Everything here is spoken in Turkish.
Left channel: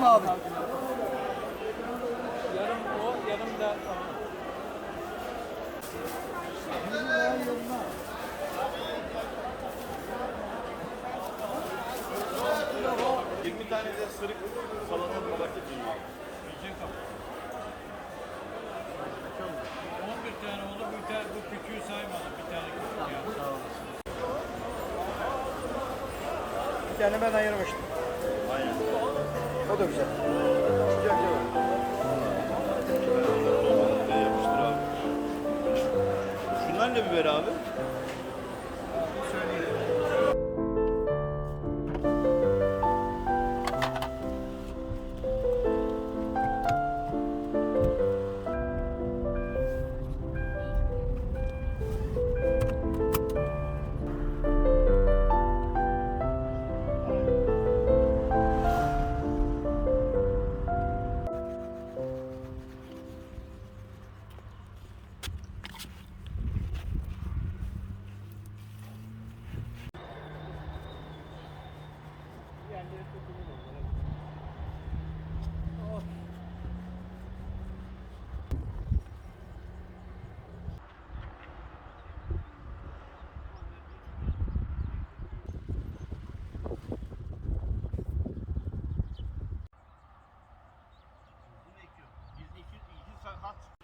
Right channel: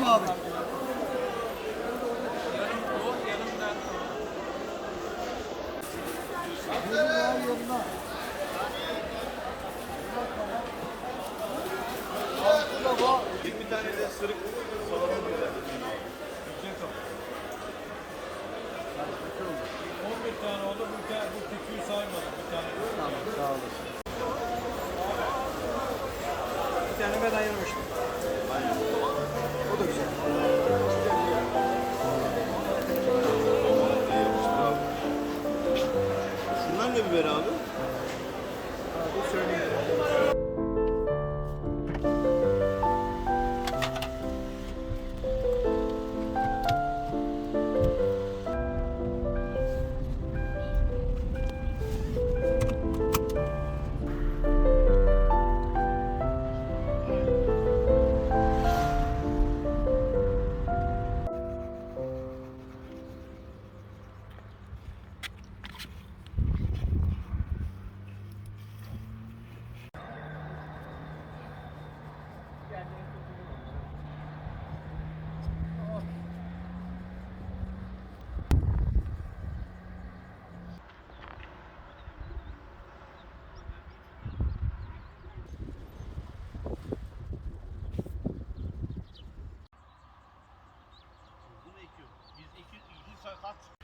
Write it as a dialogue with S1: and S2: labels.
S1: Kim abi?
S2: Yarım o, yarım da
S1: Biri daha yanına. Altıda bu.
S2: 20 tane de sırık salamı güzel. Güzel kapı. 11 tane oldu. Bir tane, bu küçüğü saymadım. Bir tane küçük yani.
S1: Sağ olasın. Bir tane ben ayırmıştım.
S3: Aynen.
S1: O da güzel.
S3: Şunlar ne biber abi?
S1: hot.